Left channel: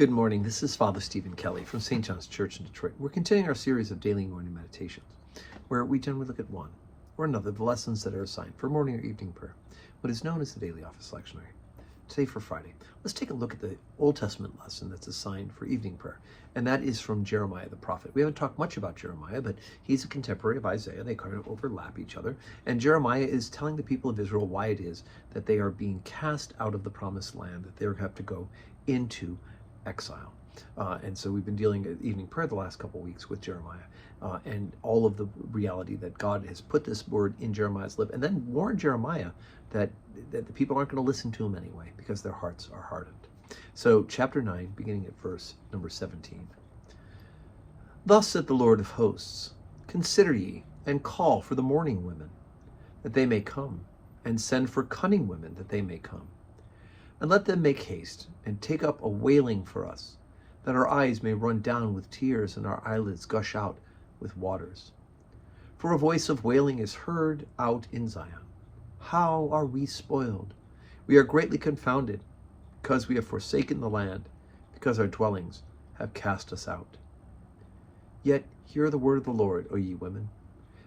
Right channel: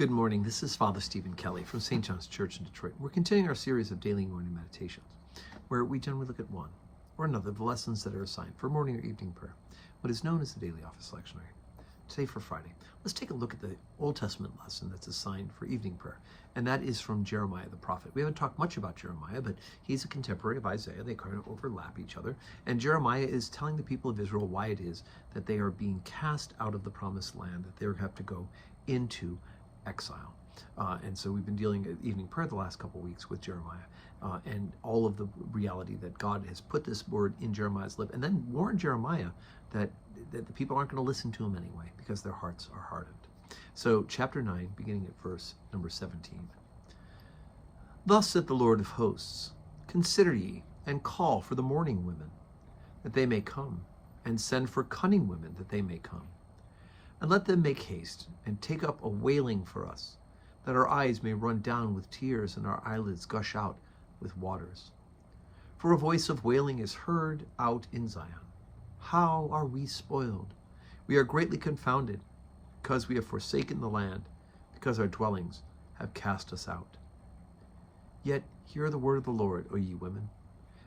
Good morning. This is Father Stephen Kelly from St. John's Church in Detroit. We're continuing our series of daily morning meditations, where we generally look at one or another of the lessons that are assigned for morning or evening prayer, what is known as the daily office lectionary. Today for Friday, let's take a look at the Old Testament lesson that's assigned for evening prayer, and that is from Jeremiah the prophet. We haven't talked much about Jeremiah, but he's a contemporary of Isaiah. They kind of overlap each other, and Jeremiah is telling the people of Israel why it is that they are being cast out of the promised land, that they have to go into exile. And so we've been dealing at evening prayer the last couple of weeks with Jeremiah and all of the reality that God has put this word in Jeremiah's lip, and then warned Jeremiah that the people aren't going to listen to him anyway because their hearts are hardened. So chapter 9, beginning at verse number 17. Thus saith the Lord of hosts, consider ye, and call for the mourning women, that they may come, and send for cunning women, that they may come. And let them make haste, and take up a wailing for us, that our eyes may run down with tears, and our eyelids gush out with waters. For a voice of wailing is heard out in Zion. How are we spoiled? We are greatly confounded, because we have forsaken the land, because our dwellings have cast us out. Yet hear the word of the Lord, O ye women,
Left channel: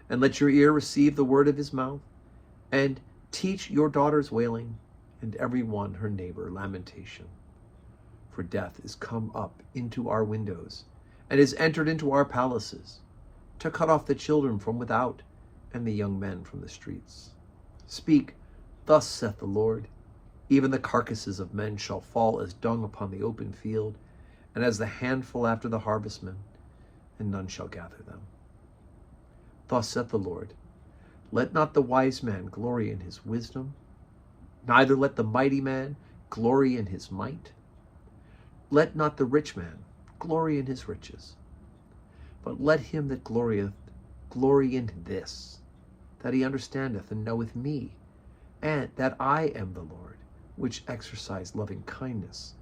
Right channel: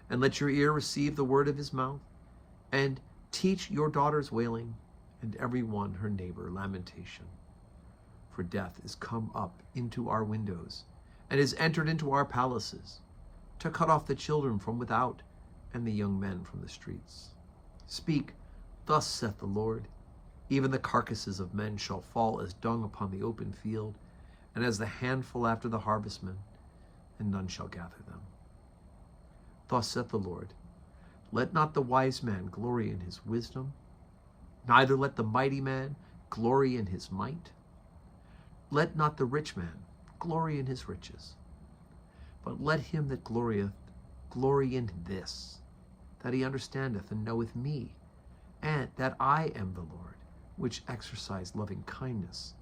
and let your ear receive the word of his mouth, and teach your daughters wailing, and every one her neighbor lamentation. For death is come up into our windows, and is entered into our palaces, to cut off the children from without, and the young men from the streets. Speak, thus saith the Lord, even the carcasses of men shall fall as dung upon the open field, and as the handful after the harvestmen, and none shall gather them. Thus saith the Lord, let not the wise man glory in his wisdom, neither let the mighty man glory in his might. Let not the rich man glory in his riches, but let him that glorieth glory in this, that he understandeth and knoweth me, and that I am the Lord, which exercise loving kindness,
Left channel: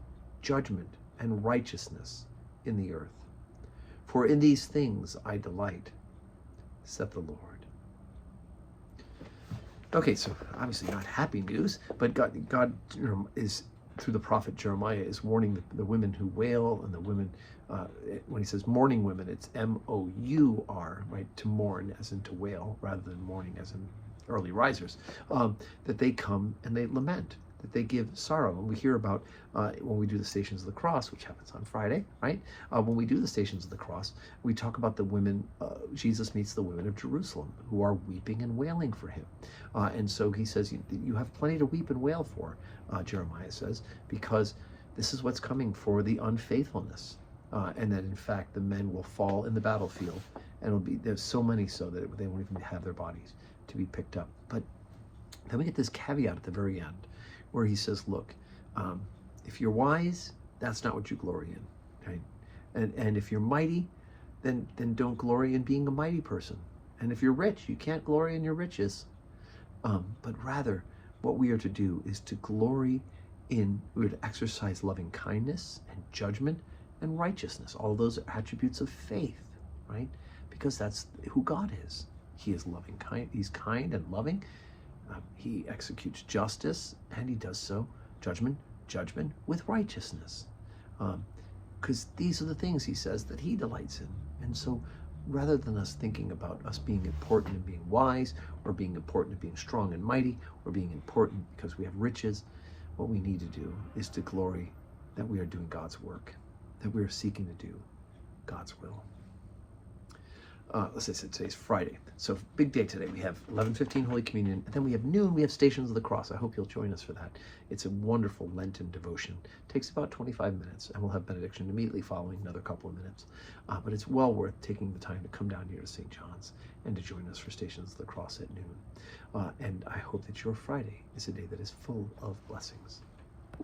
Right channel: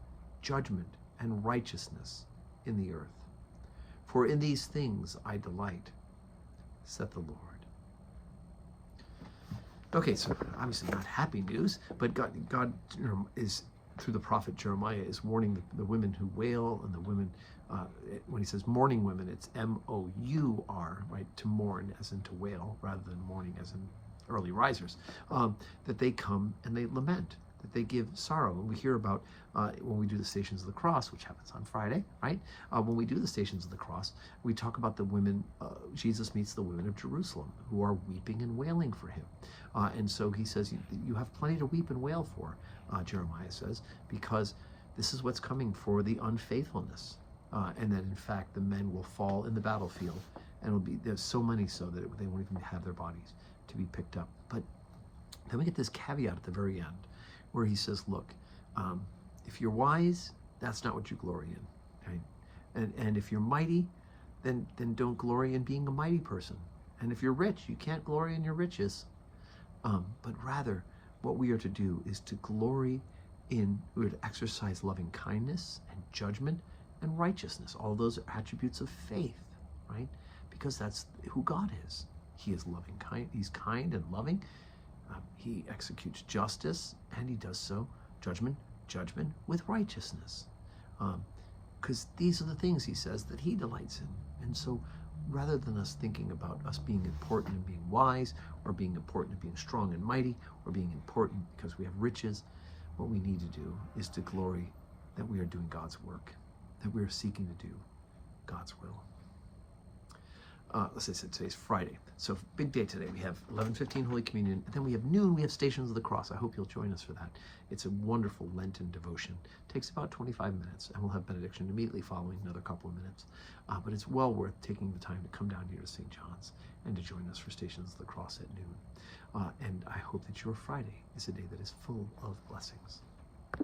judgment, and righteousness in the earth. For in these things I delight, saith the Lord. Okay, so obviously not happy news, but God is, through the prophet Jeremiah, is warning the women who wail, and the women, when he says mourning women, it's M-O-U-R, right, to mourn as in to wail, rather than mourning as in early risers, that they come and they lament, that they give sorrow. And we hear about when we do the Stations of the Cross, which happens on Friday, right? When we do the Stations of the Cross, we talk about the women, Jesus meets the women of Jerusalem who are weeping and wailing for him. And so he says, you have plenty to weep and wail for, Jeremiah says, because this is what's coming for the unfaithfulness. And that in fact, the men will fall in the battlefield, and there's so many so that they won't even have their bodies to be picked up. But then we get this caveat at the very end, where he says, look, if you're wise, that's not what you glory in, right? And if you're mighty, then don't glory in being a mighty person. And if you're rich, you can't glory in your riches. But rather, what we are to do is to glory we're to exercise loving kindness and judgment and righteousness. All those are attributes of faith, right? Because that's who God is. He is loving, kind. He's kind and loving. He executes justice, and he does so, judgment with righteousness. Because these are the things, he says, that he delights in. And so rather than us thinking about us being important and being wise, or being important and being strong and mighty, or being important because we have riches, what we need to do is to glory that we are doing God's work, that we are seeking to do God's will. Let's say today's Friday. So big day today. We have 11:15 Holy Communion, and then we have noon, we have Stations of the Cross. I hope you'll join us for that. It's a wonderful Lenten devotion. It takes about 25 minutes, and we'll have benediction immediately following, another couple of minutes. But it's well worth taking the time to come down here to St. John's and to join us for Stations of the Cross at noon. And I hope that your Friday is a day that is full of blessings.